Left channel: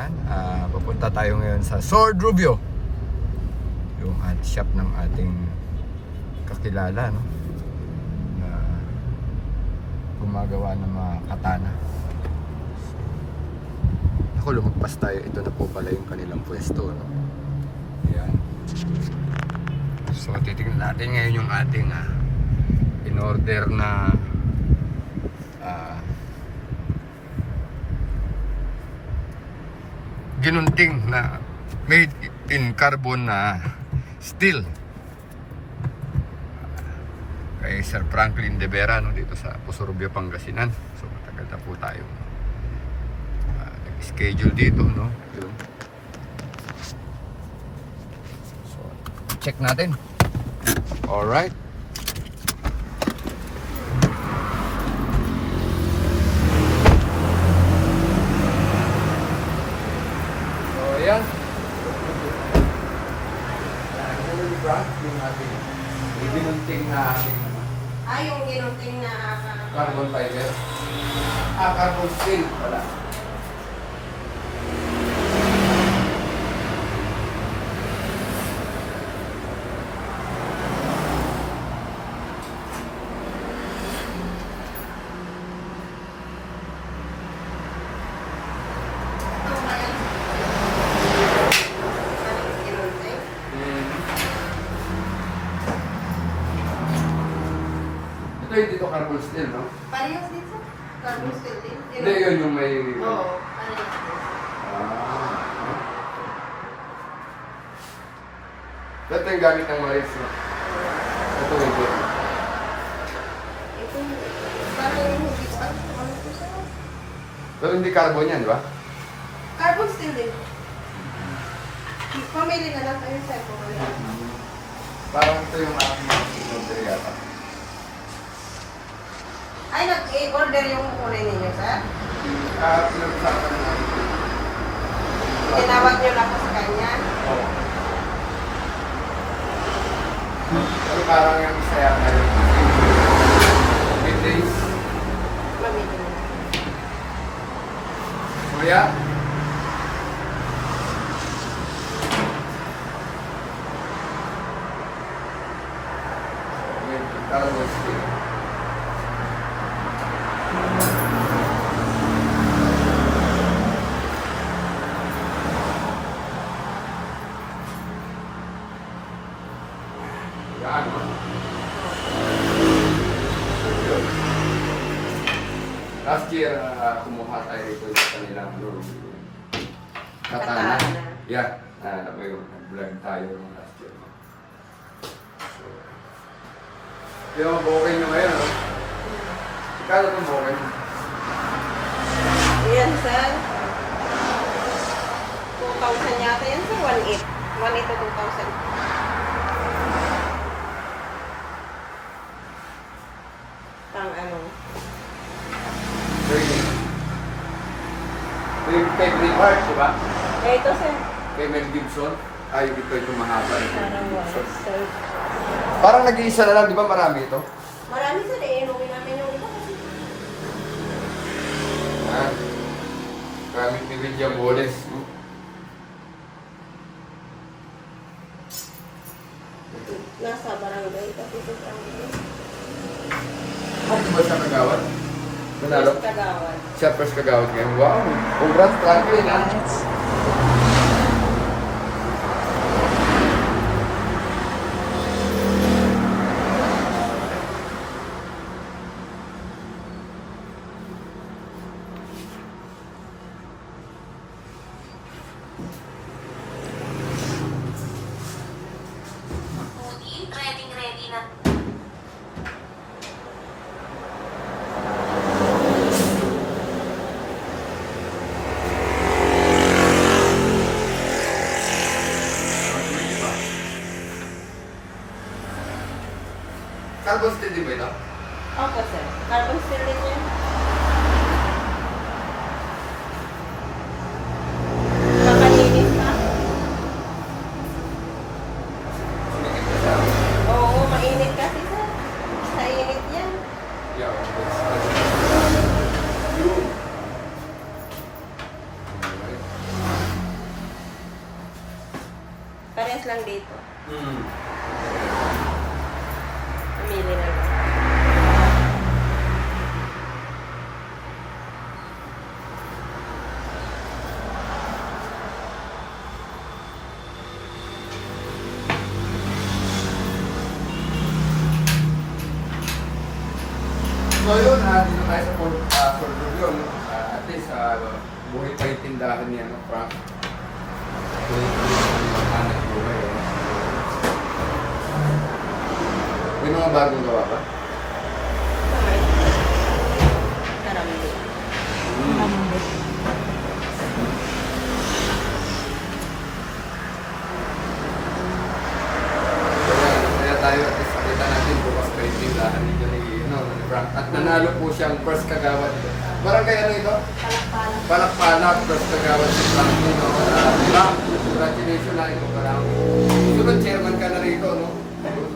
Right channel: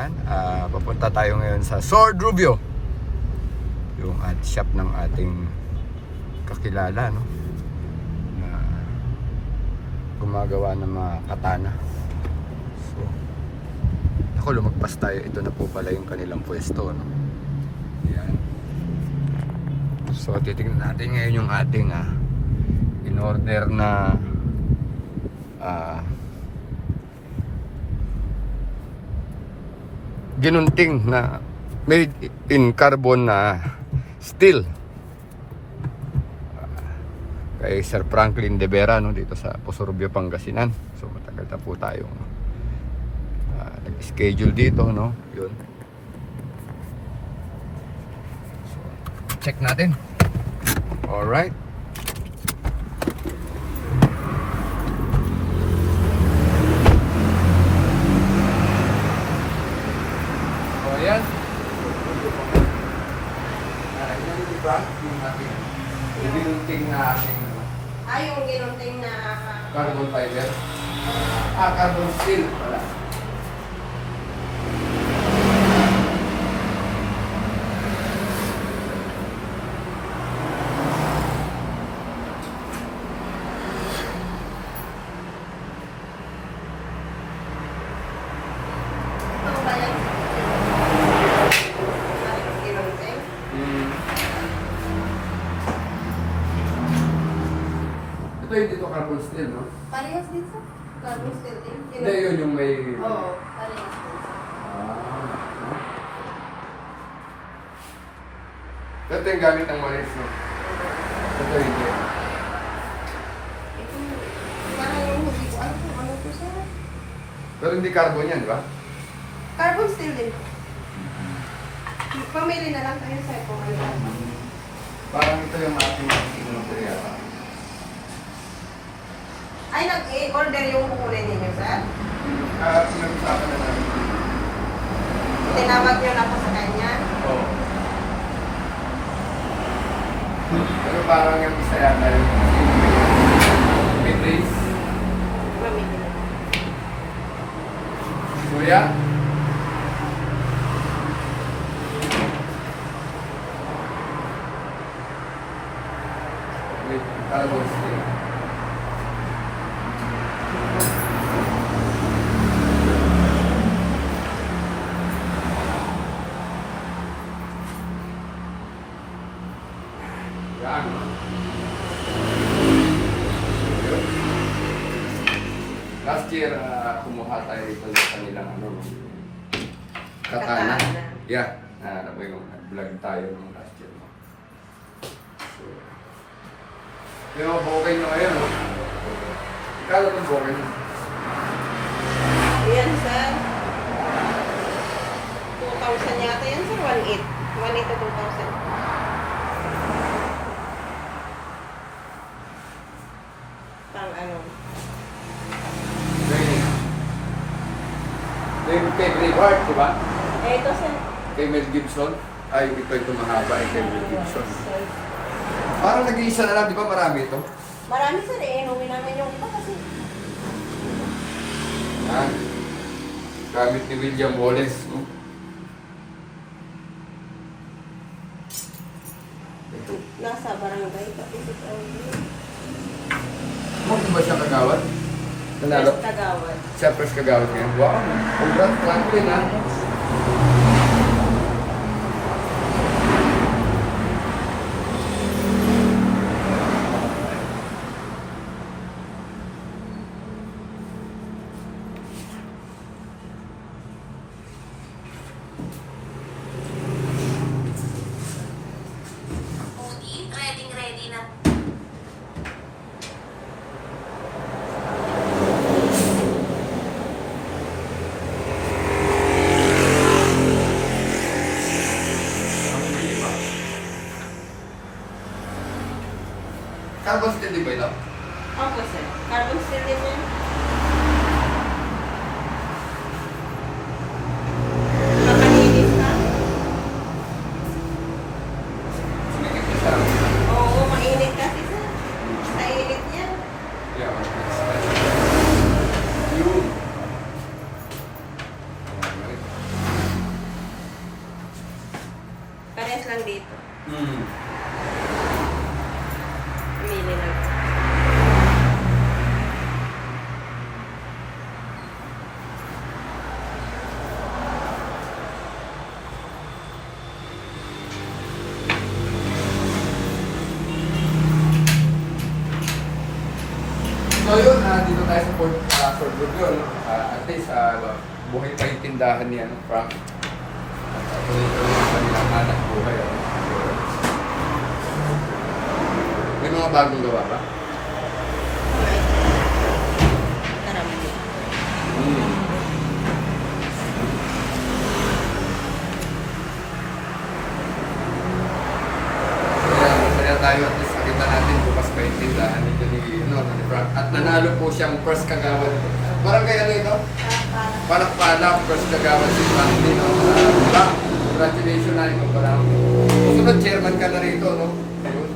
Ayan, papunta tayo ngayon sa Sword Rubio, yung shop ng ating kakilala, no, na gumagawa ng mga katana. So, ako, lumagpas tayo. Ito na po pala yung kanilang pwesto, no. Ayan. So titingnan natin ngayon yung ating in order na ginunting na made in carbon na steel kay Sir Franklin De Vera, no, dito sa Puso-Rubio, Pangasinan. So matagal na po tayo nag-schedule dito, no. Yun. So, check natin. Alright. Ayan. Ito yung Frank, yung ating ginunting na yung ginunting na carbon fiber. Carbon steel pala. ito ba yan? Maraming ginunting. Ito hindi to carbon steel, no? Parehas dito. Carbon steel din. Hindi, yun yung may... Oo, parehas din. Ito yung gamit ng malis, no? Ito hindi. Ito, parang yung huli ko. Ano po sa'yo? Pero hindi carbon yan, di ba? Carbon steel din. Pamili na lang kayo sa ito. Parang ito yung ating sinuntiriya. Ay, nag-order yung kukunin ninyo, sir? Pinag-usapan naman. Tinawag nyo na po sa kanya. Oo. Pero parang yung isa yata yung Beatrice. Mamili na. Kuya? Carbon steel. Last year, kumuha tayo rito sa kanilang katana. Yeah, nag-vlog tayo nung last year. So, pero bukay nyo ngayon, no? Kala itong bukay nyo? Yan, sir. 2,000 yata yan, sir. 1,800. 1,800 to 2,000. Pang ano? Yung kay Brevard, di ba? Ito, sir. Kay Mel Gibson. Ay, ito mahaba. Kay Mel Gibson. Sir. Parang nag-iisa na lang, di ba marami ito? Marami, sir. Inuwi namin yung iba kasi. Gamit ni William Wallace. No? Ito. Nasa barangay. Pati sa barangay. Di ba siya kagawad? Nanalo? Tagawad. Siya first kagawad niya. Wow! Congrats, Franklin, ha? Ready na. Carbon steel, di ba ito? Opo, sir. Carbon steel din siya. Nakalinis na. Sunikit na siya. Oo, mainit kasi, sir. Sa init niya. Yeah, yun. Alright. Pili na. So yun, dito tayo sa Ford Review, no? At least, buhay pa yung tindahan niya, no? Frank. At ito yung kanilang hanap buhay, no? May mga bagong gawa ba? Okay. Karami. Kaya tayo at least nakita natin bukas pa yung tindahan nito ni Frank. At nanalo po siyang first kagawad. Barangay ano ito? Palak-palak. Palak-palak, first kagawad si Frank Nino. Frank, congratulations na ikaw pala. Susunod chairman ka na rito, no? Ayun.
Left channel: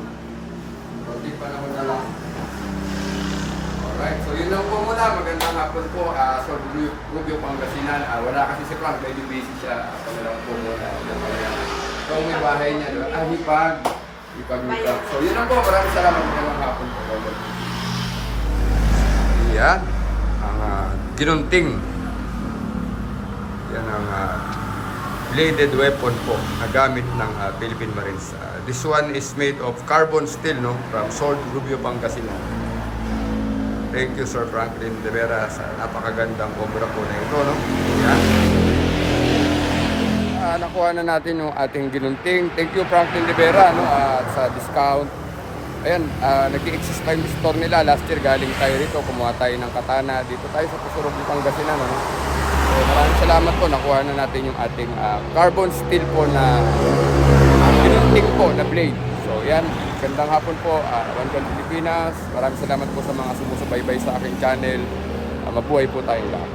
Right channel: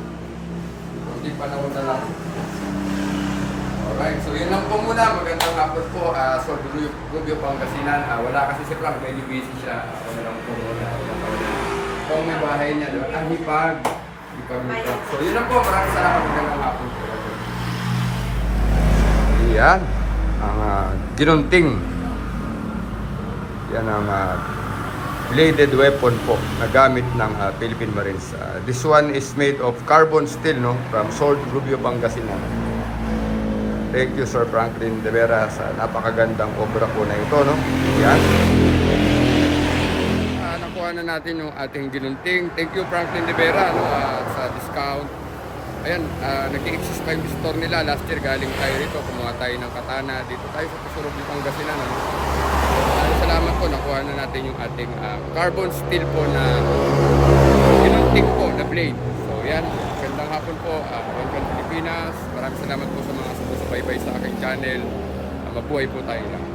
Kunti panahon na lang. Alright, so yun lang po muna. Magandang hapon po. So, Rubio Pangasinan. Wala kasi si Frank, medyo busy siya. Ako na lang po muna. Kung may bahay niya, diba? Hipag. Hipag. So yun lang po. Maraming salamat. Magandang hapon po. Yan. Ang ginunting. Yan ang bladed weapon po na gamit ng Philippine Marines. This one is made of carbon steel, no? From Sword Rubio Pangasinan. Thank you, Sir Franklin De Vera, sa napakagandang obra po na ito, no? Yan. Nakuha na natin yung ating ginunting. Thank you, Franklin De Vera, no? Sa discount. Ayan, nag-i-exist pa yung store nila. Last year, galing tayo rito. Kumuha tayo ng katana. Dito tayo sa Pusurog ng Pangasinan, no? So, maraming salamat po. Nakuha na natin yung ating carbon steel po na ginunting po na blade. So, yan. Gandang hapon po. One Can Pilipinas. Maraming salamat po sa mga sumusubaybay sa aking channel. Mabuhay po tayo lang.